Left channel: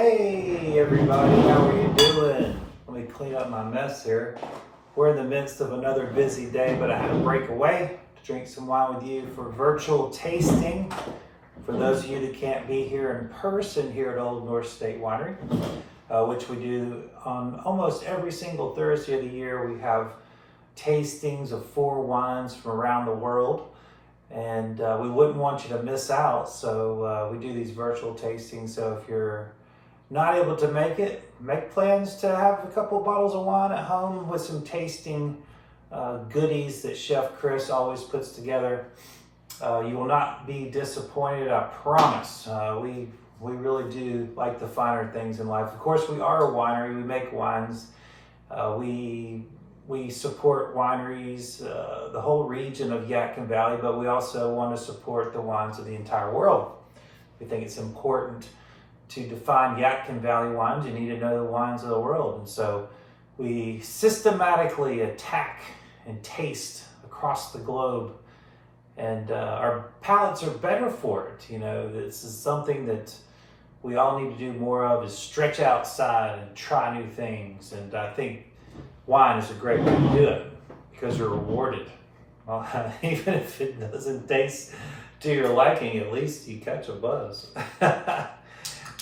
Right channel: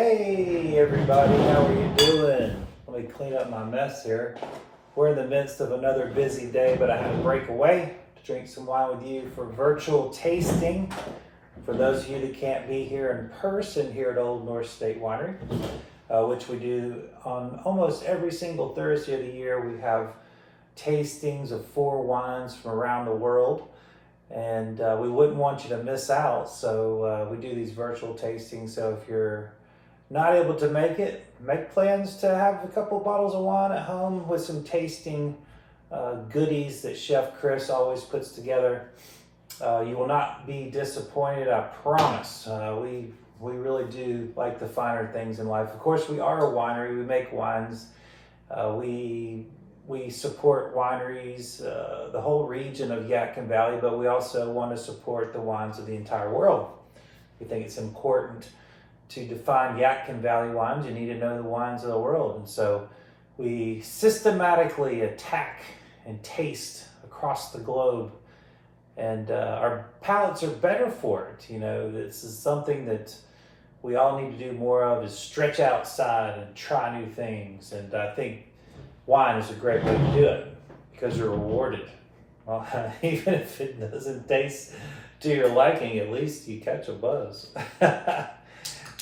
Hey everybody, how are you doing? Let me clean up my mess here. We're in the midst of another busy day, but I had to break away to drink some wine with you for virtual tasting. For those of you that can't be here in person here at Old North State Winery, which we do on almost every single Thursday of the year, we have tastings of 4 wines from around the world. And we wouldn't want you to miss out, so we do these virtual tastings. So if you're not able to make it, make plans to have a couple bottles of wine at home with some tasting goodies that Chef Chris always puts together. You will not be disappointed, I promise. We really do like the finer things in life. Of course, we are a winery. We make wines. We support wineries, the whole region of Yadkin Valley, but we also want to support the wines of the entire world. We think it's important to define Yadkin Valley wines. You need to know the wines of the world. And so we systematically attack and taste across the globe. And our palates are better for it. You know, this is something that we all need to do more of, is stretch outside and try new things. And I think wine is a great way to do it because you're rewarded. Well, even if it doesn't taste to your liking, at least you catch a buzz.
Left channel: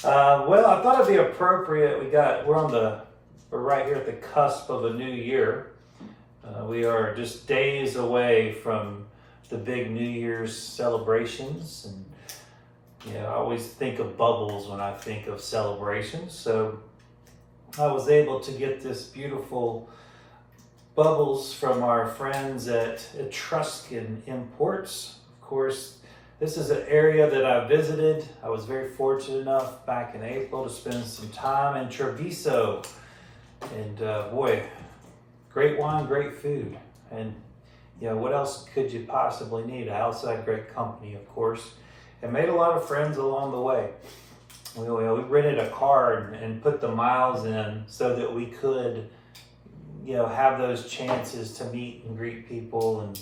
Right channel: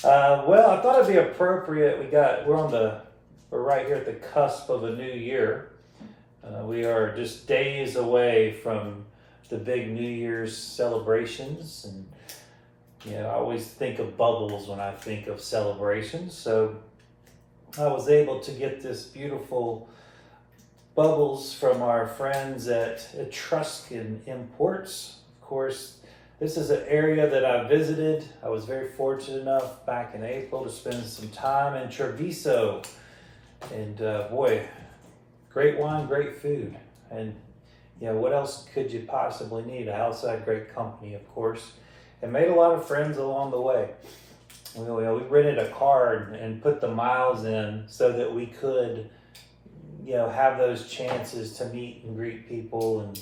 Well, I thought it'd be appropriate. We're right here at the cusp of a new year. We are just days away from the big New Year's celebrations, and I always think of bubbles when I think of celebrations. So I was able to get this beautiful bubbles from our friends at Etruscan Imports. Of course, this is an area that I visited. I was very fortunate enough back in April to spend some time in Treviso. And boy, great wine, great food. And what else could you possibly need outside great company, of course. And made a lot of friends along the way. We rented a car and put the miles in so that we could, have those chances to meet and greet people and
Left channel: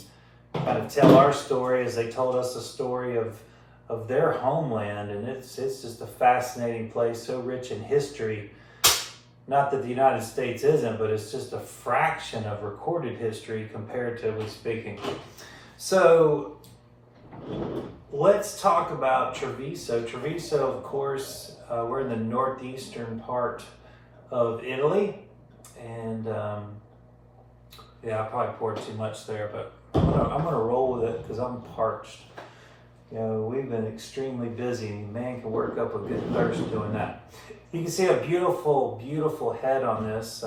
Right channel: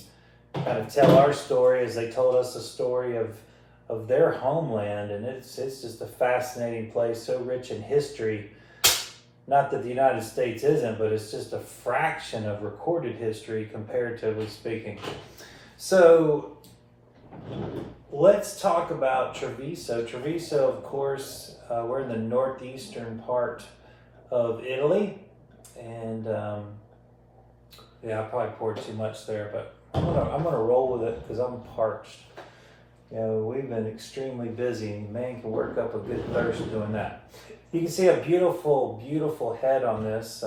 kind of tell our story as they told us a story of their homeland. And it's just a fascinating place, so rich in history. Not that the United States isn't, but it's just a fraction of recorded history comparatively speaking. So let's talk about Treviso. Treviso, of course, we're in the northeastern part of Italy. And I probably poured too much there, but I'm gonna roll with it because I'm parched. We've been extremely busy. Man can work up a good thirst doing that. You can see a beautiful, beautiful head on this.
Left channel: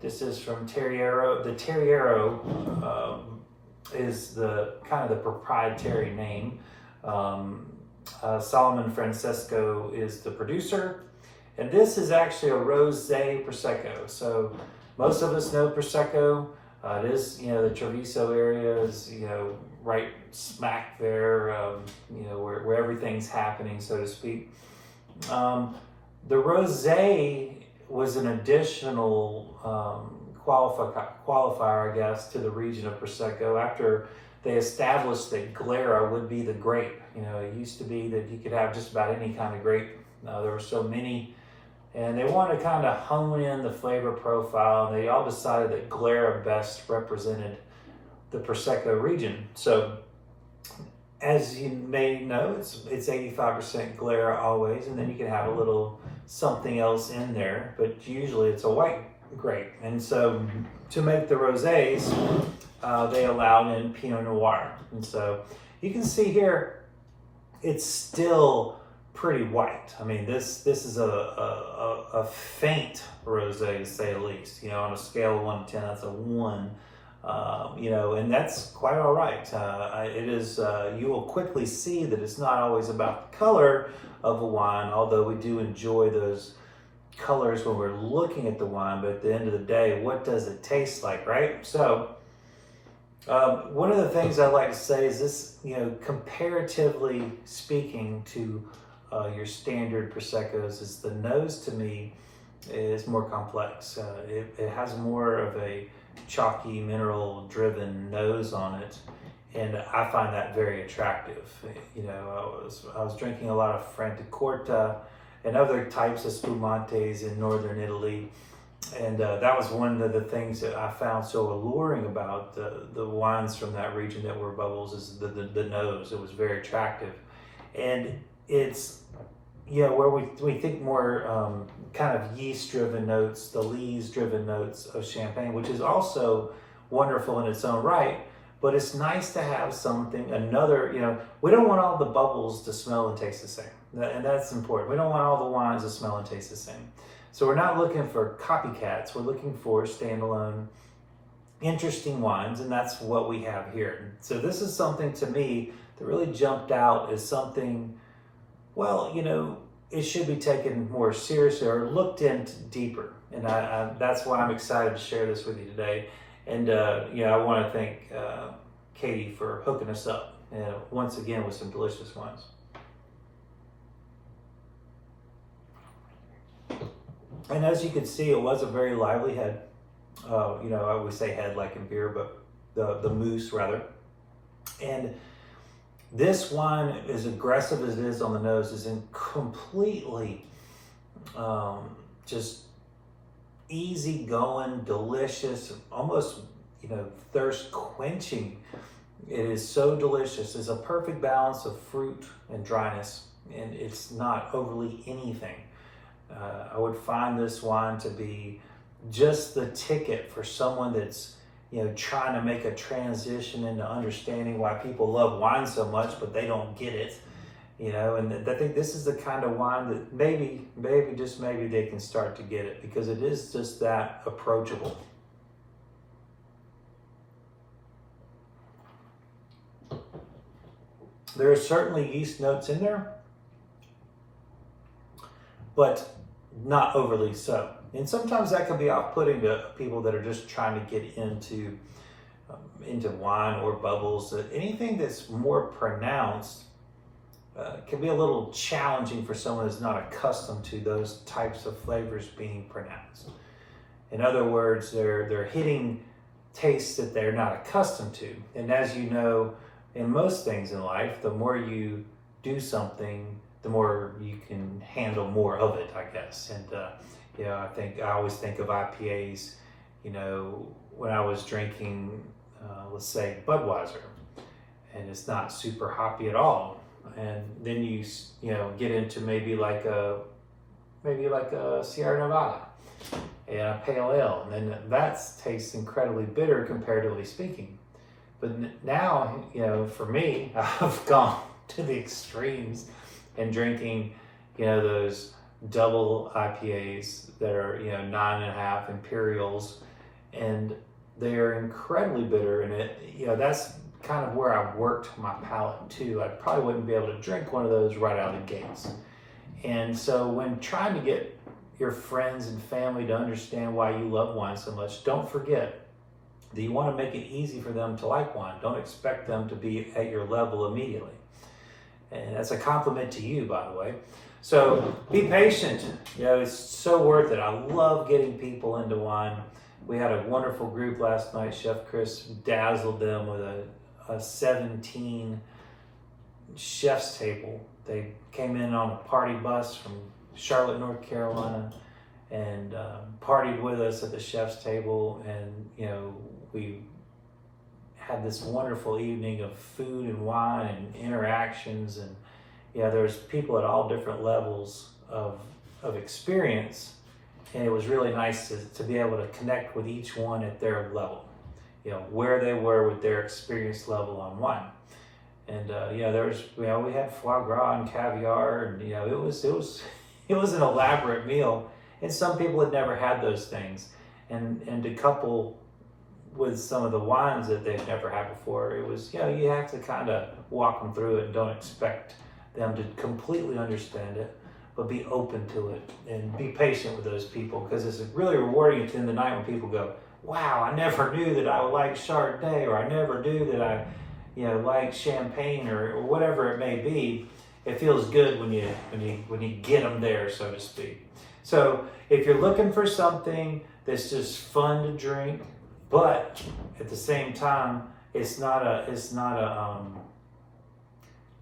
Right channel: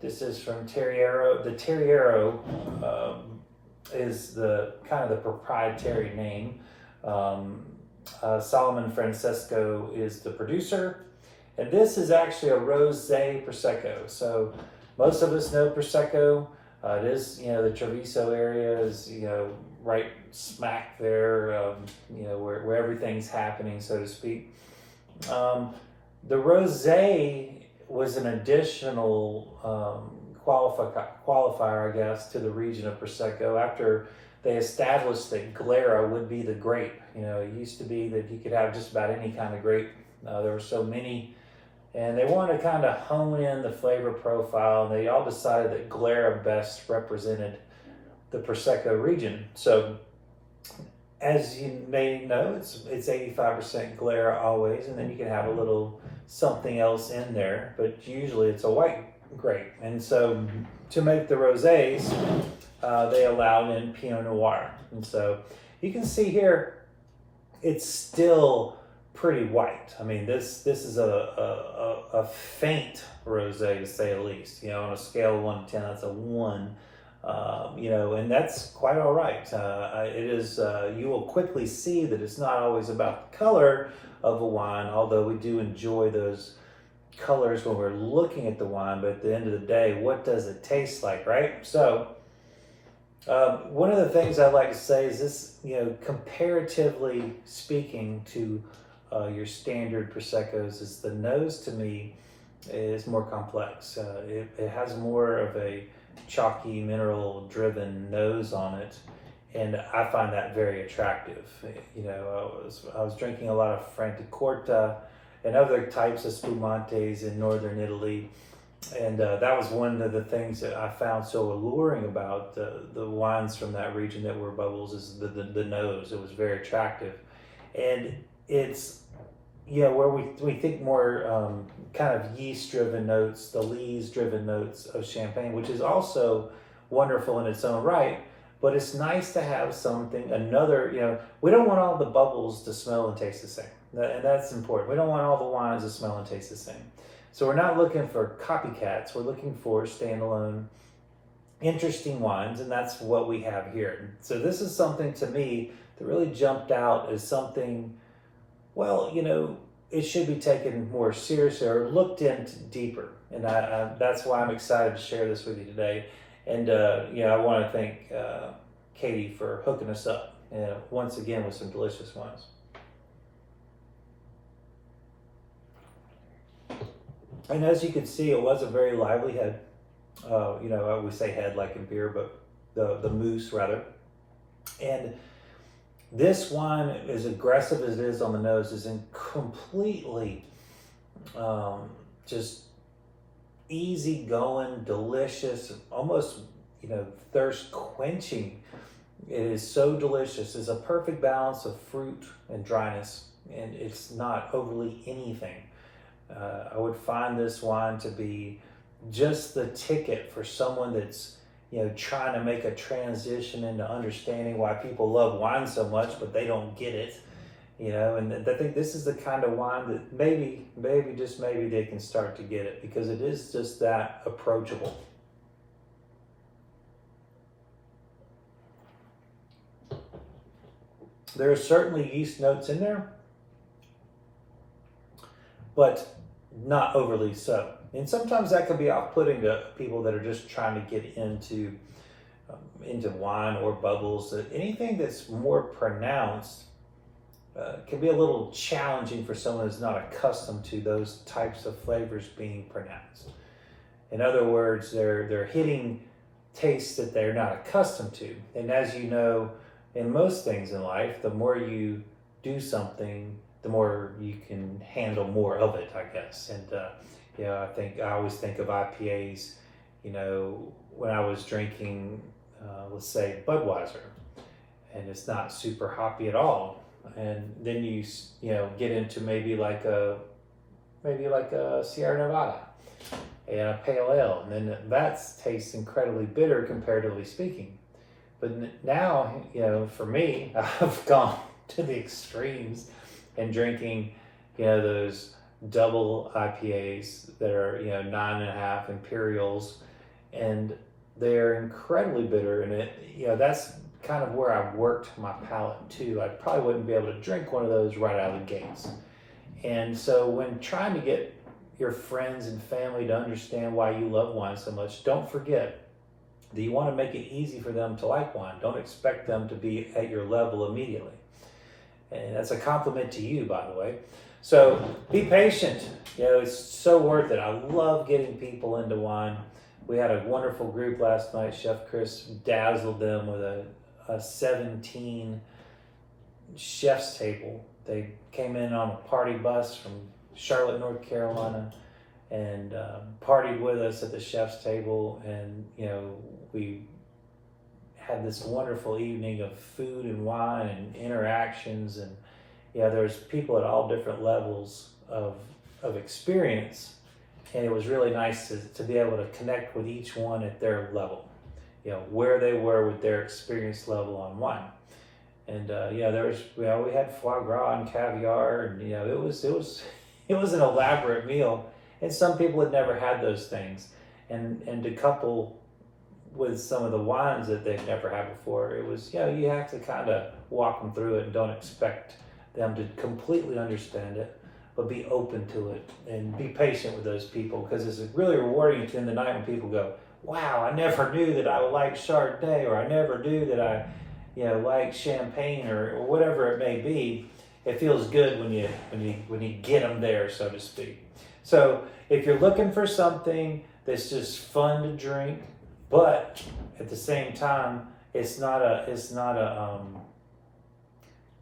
This is from Terriero. The Terriero is the kind of the proprietary name. Salamon Francesco is the producer. And this is actually a rosé Prosecco. So most of us know Prosecco. It is, the Treviso area is, right smack there, where everything's happening, so to speak. The rosé was an additional qualifier, I guess, to the region of Prosecco after they established that Glera would be the grape. It used to be that you could have just about any kind of grape. There were so many. And they wanted to kind of hone in the flavor profile, and they all decided that Glera best represented the Prosecco region. So, as you may know, it's 85% Glera always, and then you can have a little something else in there, but usually it's a white grape. And so, to make the rosés, they allow in Pinot Noir. And so, you can see here, it's still pretty white. I mean, this is a faint rosé, to say the least. On a scale of 1 to 10, that's a 1. And that's quite all right. It is. You will quickly see that it's not always about the color of a wine, although we do enjoy those colors when we're looking at the wine. But at the end of the day, what does it taste like, right? So, one of the things I like to say is this. Comparatively speaking to your standard Proseccos, is the nose to me is more complex. It has more of a chalky, mineral-driven nose on it, and I find that very attractive. I was drinking a lot of Francesco and other types of spumantes in northern Italy. And that was one of the things that I found so alluring about the wines from that region that were bubbles, is the nose. It was very attractive. And it's, where we think more kind of yeast-driven notes, the lees-driven notes of Champagne, which is also wonderful in its own right, but it's nice to have something, another, we don't want all the bubbles to smell and taste the same. And that's important. We don't want all the wines to smell and taste the same. So we're not looking for copycats. We're looking for standalone, interesting wines, and that's what we have here. So this is something to me that really jumped out as something, well, it should be taken more seriously or looked into deeper. And that's why I'm excited to share this with you today. And, I want to thank Katie for hooking us up once again with some delicious wines. And as you can see, it was a very lively head. I would say head like in beer, but the mousse rather. And this wine, as aggressive as it is on the nose, is completely just easy going, delicious, almost, thirst quenching. It is so delicious. It's a perfect balance of fruit and dryness, and it's not overly anything. I would find this wine to be just the ticket for someone that's, trying to make a transition into understanding why people love wine so much, but they don't get it, and I think this is the kind of wine that maybe they can start to get it, because it is just that approachable. There are certainly yeast notes in there, but not overly so. And sometimes that can be off-putting to people that are just trying to get into wine or bubbles. Anything that's more pronounced can be a little challenging for someone who's not accustomed to those types of flavors being pronounced. In other words, they're hitting tastes that they're not accustomed to. And as you know, in most things in life, the more you do something, the more you can handle more of it, I guess. And I always think of IPAs, when I was drinking, let's say Budweiser, and it's not super hoppy at all. And then you get into maybe like a Sierra Nevada and a pale ale, and then that tastes incredibly bitter comparatively speaking. But now, for me, I've gone to the extremes and drinking, those double IPAs that are, 9.5 Imperials, and they're incredibly bitter. And that's kind of where I've worked my palate too. I probably wouldn't be able to drink one of those right out of the gates. And so when trying to get your friends and family to understand why you love wine so much, don't forget that you want to make it easy for them to like wine. Don't expect them to be at your level immediately. And that's a compliment to you, by the way. So be patient. It's so worth it. I love getting people into wine. We had a wonderful group last night. Chef Chris dazzled them with a 17 chef's table. They came in on a party bus from Charlotte, North Carolina, and partied with us at the chef's table. And, we had this wonderful evening of food and wine and interactions, and there's people at all different levels of experience, and it was really nice to be able to connect with each one at their level, where they were with their experience level on wine. And we had foie gras and caviar, and it was an elaborate meal, and some people had never had those things, and to couple with some of the wines that they've never had before, it was, you have to kind of walk them through it and don't expect them to completely understand it, but be open to it and be patient with those people, because it's really rewarding at the end of the night when people go, wow, I never knew that I liked Chardonnay, or I never knew that I like Champagne, or whatever it may be. It feels good when you get them there, so to speak. So if you're looking for something that's just fun to drink, but at the same time, this is not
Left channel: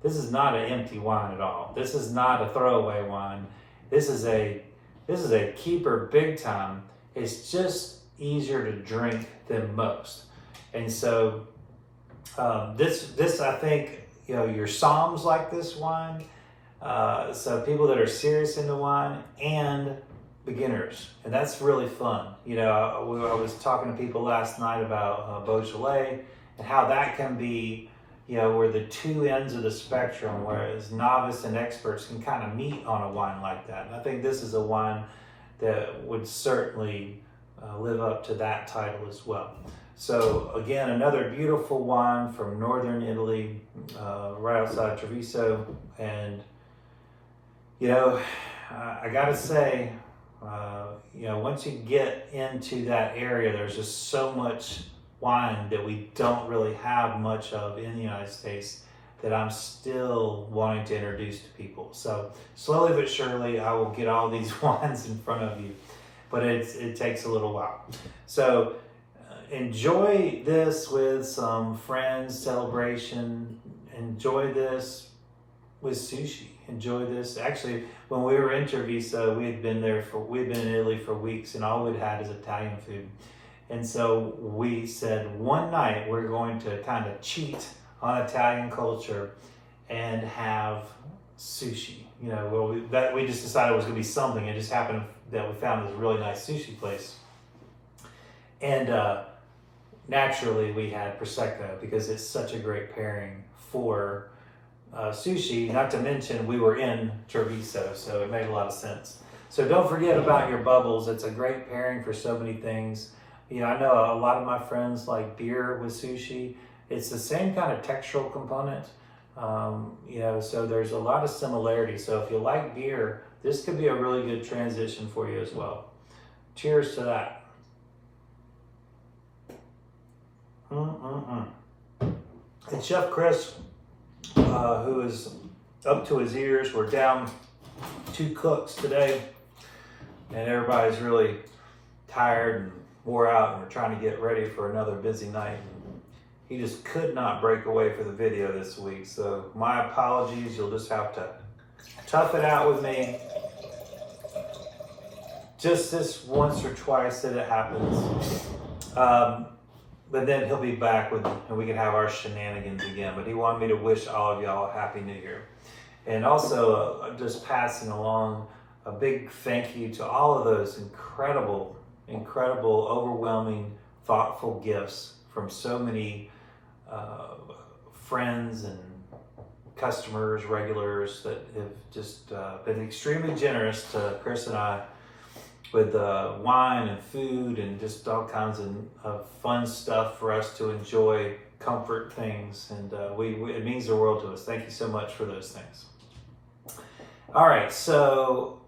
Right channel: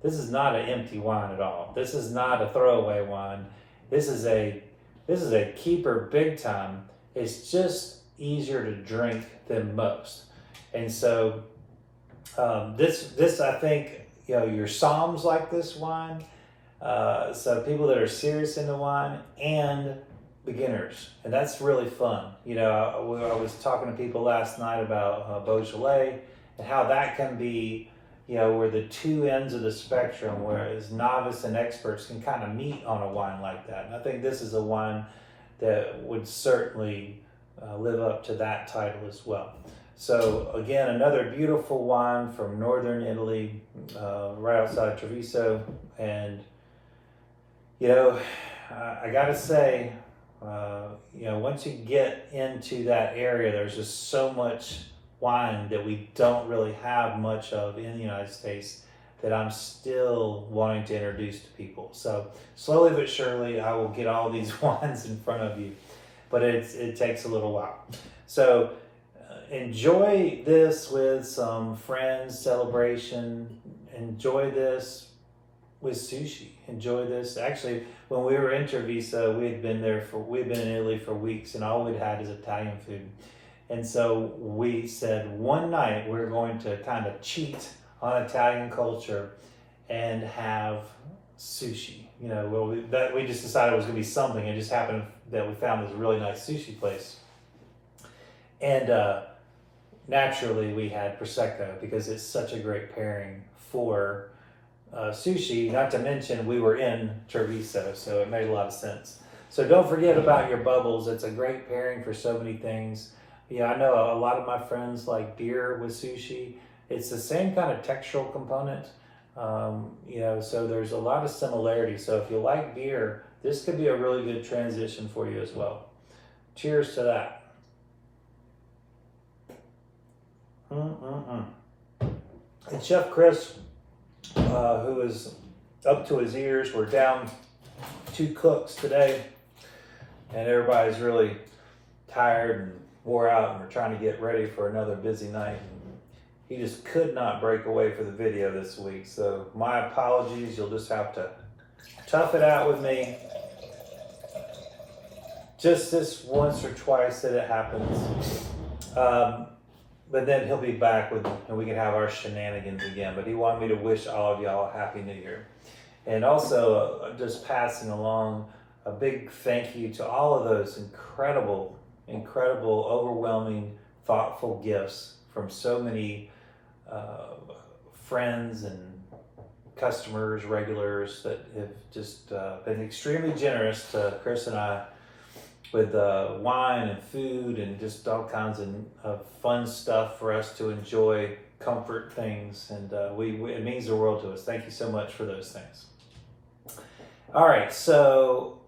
an empty wine at all. This is not a throwaway wine. This is a keeper big time. It's just easier to drink than most. And so this I think, your Psalms like this wine. So people that are serious into wine and beginners, and that's really fun. I was talking to people last night about Beaujolais and how that can be, where the two ends of the spectrum, whereas novice and experts can kind of meet on a wine like that. And I think this is a wine that would certainly live up to that title as well. So again, another beautiful wine from northern Italy, right outside Treviso. And I gotta say, once you get into that area, there's just so much wine that we don't really have much of in the United States that I'm still wanting to introduce to people. So slowly but surely, I will get all these wines in front of you, but it takes a little while. So enjoy this with some friends, celebration. Enjoy this with sushi. Enjoy this. Actually, when we were in Treviso, we'd been in Italy for weeks, and all we'd had is Italian food. And so we said one night we're going to kind of cheat on Italian culture and have sushi. We just decided it was going to be something. It just happened that we found this really nice sushi place. And naturally we had Prosecco because it's such a great pairing for sushi, not to mention we were in Treviso, so it made a lot of sense. So don't forget about your bubbles. It's a great pairing for so many things. I know a lot of my friends like beer with sushi. It's the same kind of textural component, so there's a lot of similarity. So if you like beer, this could be a really good transition for you as well. Cheers to that. It's Chef Chris, who is up to his ears. We're down 2 cooks today, and everybody's really tired and wore out, and we're trying to get ready for another busy night. He just could not break away for the video this week, so my apologies. You'll just have to tough it out with me. Just this once or twice that it happens. But then he'll be back and we can have our shenanigans again. But he wanted me to wish all of y'all a Happy New Year. And also just passing along a big thank you to all of those incredible, overwhelming, thoughtful gifts from so many friends and customers, regulars that have just been extremely generous to Chris and I with wine and food and just all kinds of fun stuff for us to enjoy, comfort things, and it means the world to us. Thank you so much for those things. All right, so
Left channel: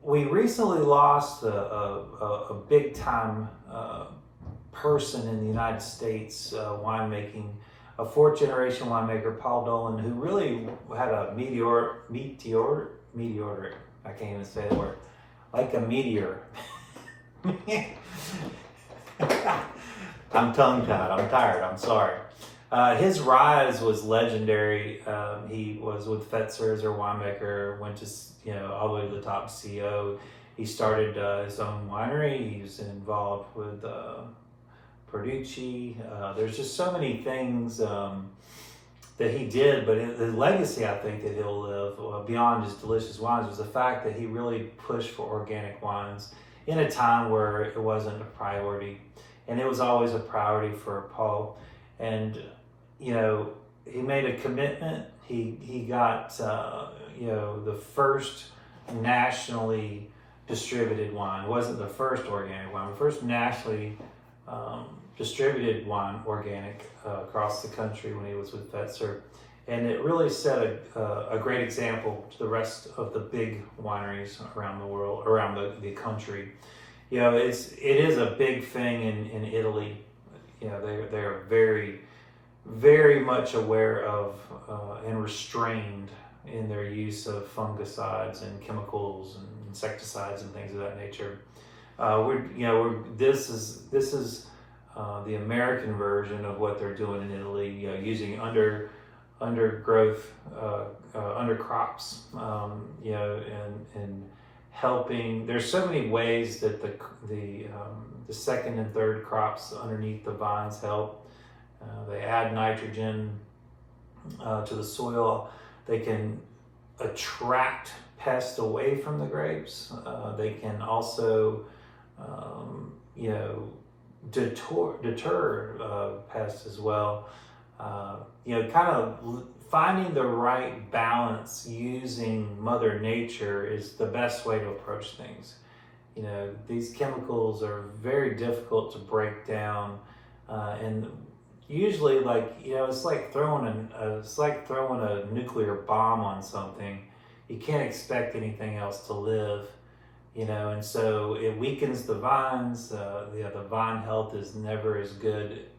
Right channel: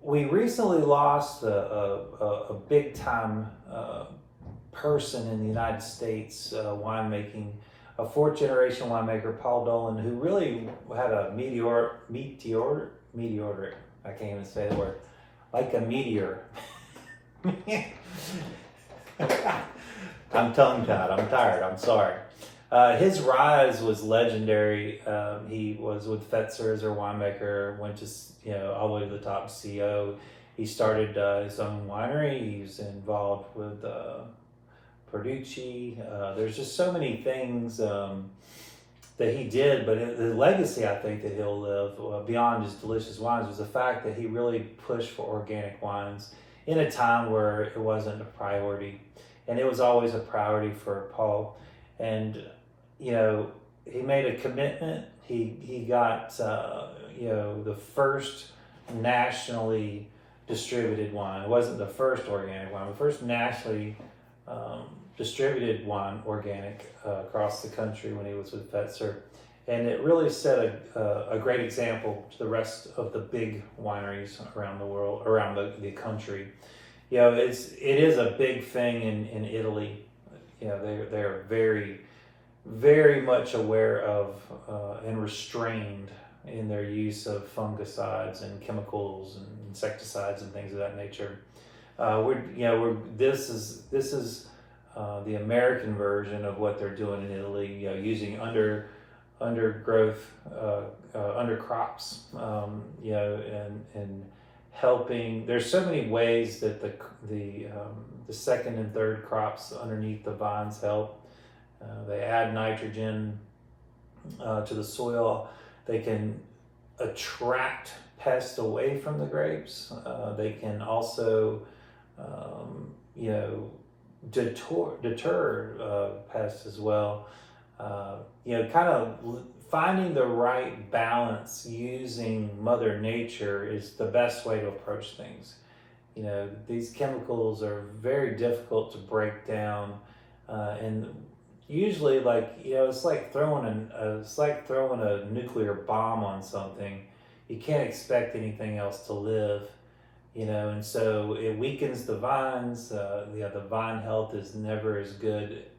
we recently lost a big time person in the United States winemaking, a 4th generation winemaker, Paul Dolan, who really had a meteoric, I can't even say the word, like a meteor. I'm tongue-tied, I'm tired, I'm sorry. His rise was legendary. He was with Fetzer as their winemaker, went to all the way to the top CEO. He started his own winery. He's involved with Perducci. There's just so many things that he did, but the legacy I think that he'll live beyond his delicious wines was the fact that he really pushed for organic wines in a time where it wasn't a priority, and it was always a priority for Paul. And he made a commitment. He got the first nationally distributed wine. It wasn't the first organic wine, the first nationally distributed wine organic across the country when he was with Fetzer. And it really set a great example to the rest of the big wineries around the world, around the country. It is a big thing in Italy. They're very, very much aware of and restrained in their use of fungicides and chemicals and insecticides and things of that nature. This is the American version of what they're doing in Italy, using undergrowth, undercrops, and helping. There's so many ways that the second and third crops underneath the vines help. They add nitrogen to the soil. They can attract pests away from the grapes. They can also, deter pests as well. Kind of finding the right balance using Mother Nature is the best way to approach things. These chemicals are very difficult to break down, and usually, it's like throwing a nuclear bomb on something. You can't expect anything else to live, and so it weakens the vines. The vine health is never as good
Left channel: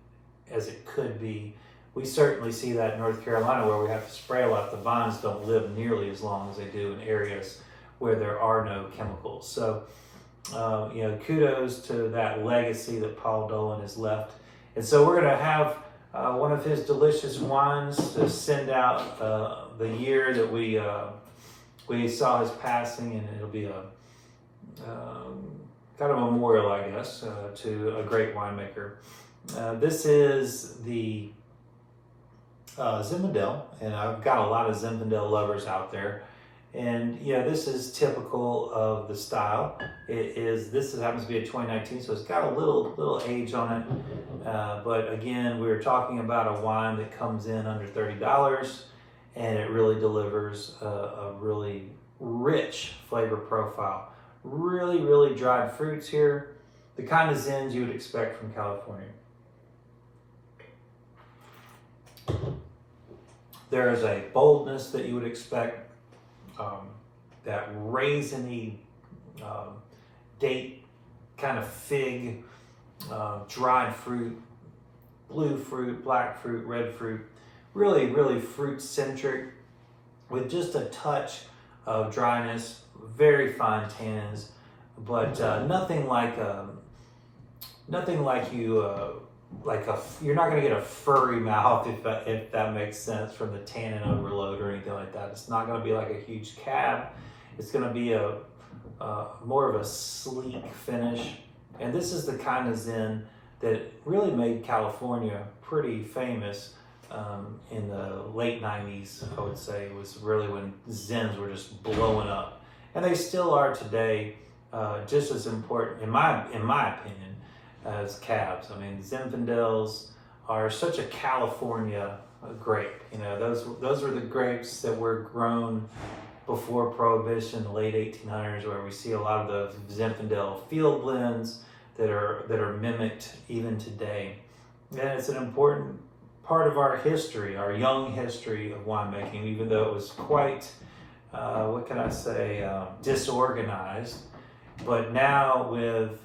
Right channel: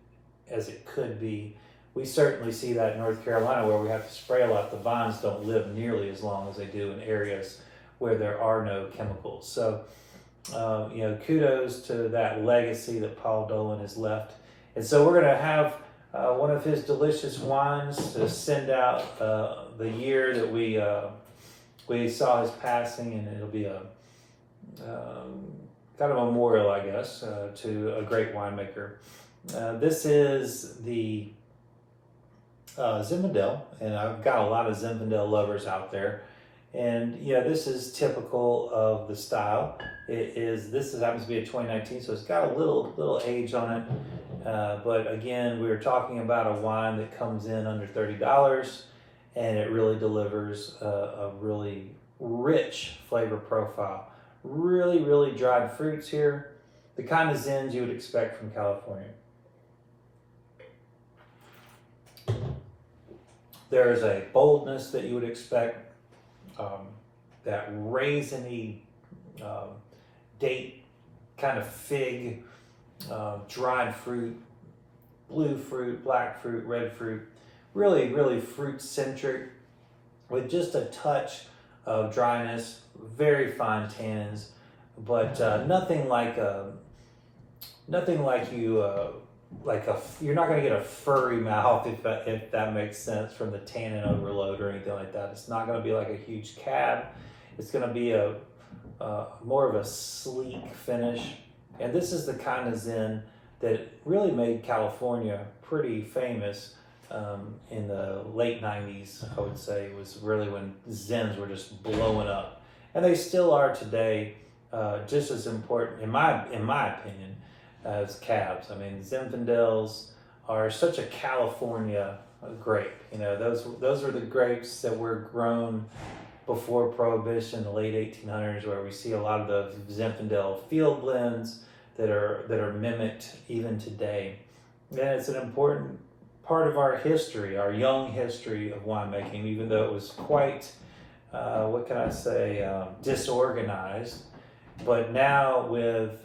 as it could be. We certainly see that in North Carolina, where we have to spray a lot. The vines don't live nearly as long as they do in areas where there are no chemicals. So, kudos to that legacy that Paul Dolan has left. And so we're going to have one of his delicious wines to send out the year that we saw his passing, and it'll be a kind of a memorial, I guess, to a great winemaker. This is the Zinfandel, and I've got a lot of Zinfandel lovers out there. And this is typical of the style. This happens to be a 2019, so it's got a little age on it. But again, we were talking about a wine that comes in under $30, and it really delivers a really rich flavor profile. Really, really dried fruits here. The kind of Zins you would expect from California. There is a boldness that you would expect. That raisiny date kind of fig, dried fruit, blue fruit, black fruit, red fruit, really, really fruit centric with just a touch of dryness, very fine tannins, but nothing like you're not going to get a furry mouth if that makes sense from the tannin overload or anything like that. It's not going to be like a huge cab. It's going to be a more of a sleek finish. And this is the kind of Zin that really made California pretty famous in the late 90s, I would say. It was really when Zins were just blowing up. And they still are today, just as important, in my opinion, as cabs. I mean, Zinfandels are such a California grape. Those were the grapes that were grown before Prohibition, the late 1800s, where we see a lot of the Zinfandel field blends that are mimicked even today. And it's an important part of our history, our young history of winemaking, even though it was quite, disorganized. But now with,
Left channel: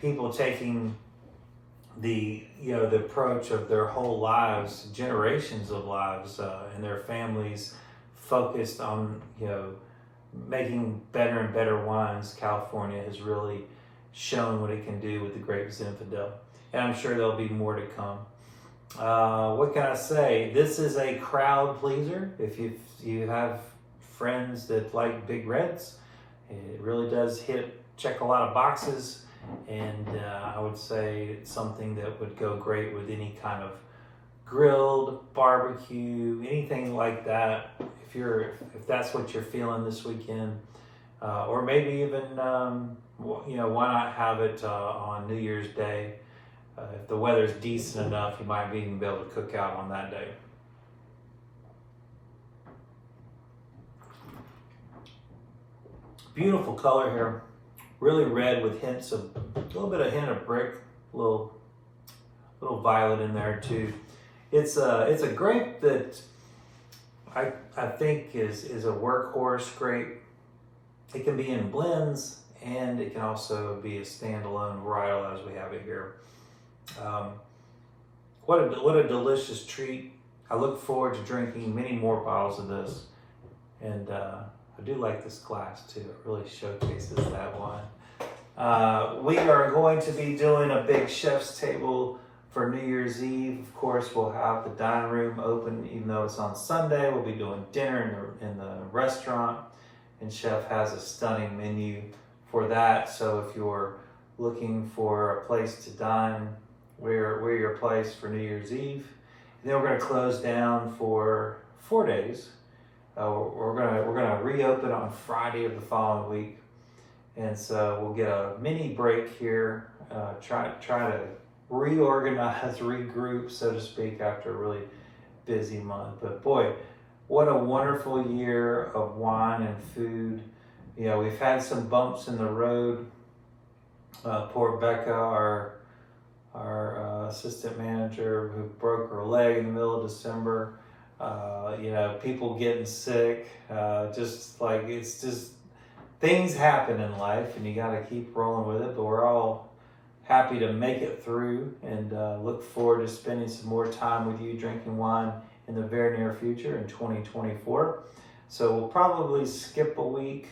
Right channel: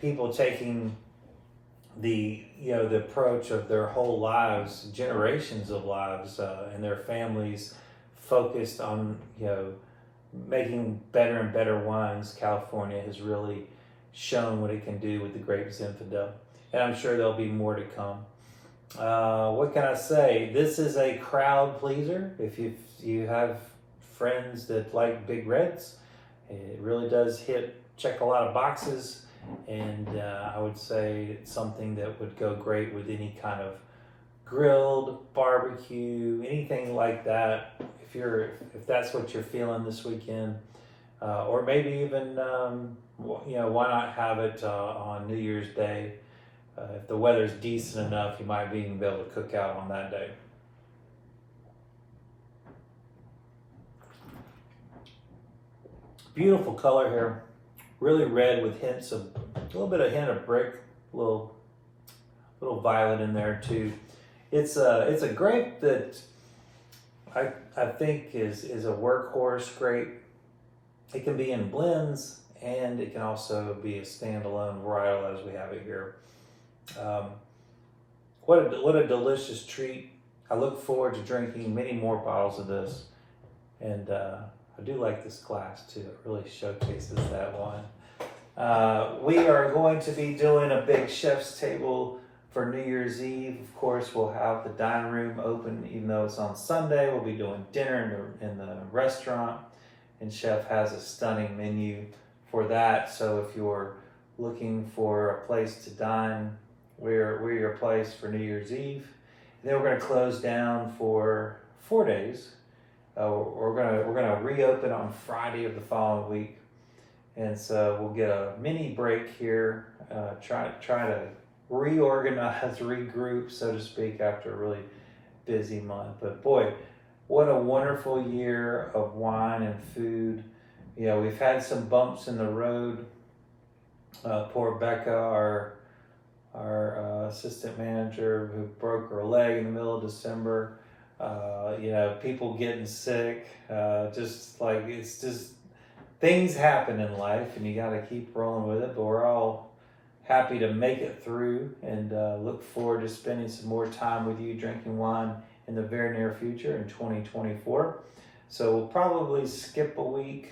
people taking the approach of their whole lives, generations of lives, and their families focused on, making better and better wines, California has really shown what it can do with the grape Zinfandel. And I'm sure there'll be more to come. What can I say? This is a crowd pleaser. If you have friends that like big reds, it really does check a lot of boxes. And I would say it's something that would go great with any kind of grilled barbecue, anything like that. If that's what you're feeling this weekend, or maybe even why not have it on New Year's Day? If the weather's decent enough, you might even be able to cook out on that day. Beautiful color here. Really red with hints of a little bit of hint of brick, little violet in there too. It's a grape that I think is a workhorse grape. It can be in blends, and it can also be a standalone varietal as we have it here. What a delicious treat. I look forward to drinking many more bottles of this, and I do like this glass too. It really showcases that wine. We are going to be doing a big chef's table for New Year's Eve. Of course, we'll have the dining room open, even though it's on Sunday. We'll be doing dinner in the restaurant, and Chef has a stunning menu for that. So if you're looking for a place to dine, we're your place for New Year's Eve. And then we're going to close down for 4 days. We're gonna reopen on Friday of the following week, and so we'll get a mini break here. Try to reorganize, regroup, so to speak, after a really busy month. But boy, what a wonderful year of wine and food. You know, we've had some bumps in the road. Poor Becca, our assistant manager, who broke her leg in the middle of December. You know, people getting sick. It's just things happen in life, and you got to keep rolling with it. But we're all happy to make it through, and look forward to spending some more time with you drinking wine in the very near future in 2024. So we'll probably skip a week,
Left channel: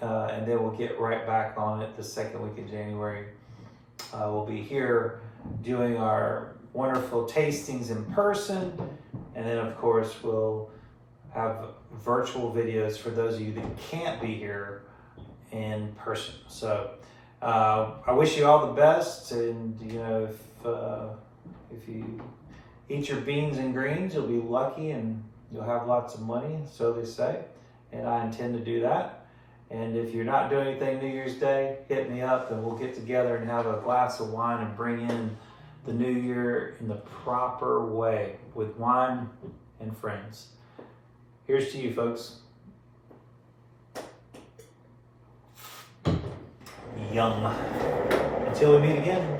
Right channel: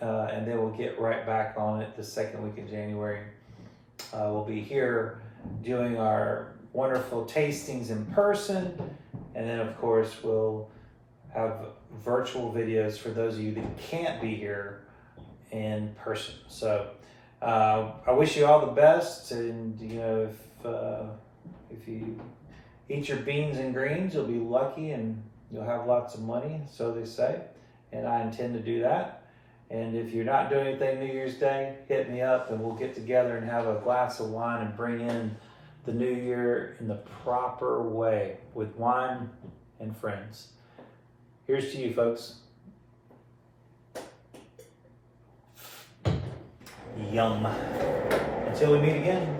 and then we'll get right back on it the second week of January. We'll be here doing our wonderful tastings in person, and then of course we'll have virtual videos for those of you that can't be here in person. So I wish you all the best, and you know, if you eat your beans and greens, you'll be lucky and you'll have lots of money, so they say, and I intend to do that. And if you're not doing anything New Year's Day, hit me up and we'll get together and have a glass of wine and bring in the new year in the proper way with wine and friends. Here's to you, folks. Yum. Until we meet again.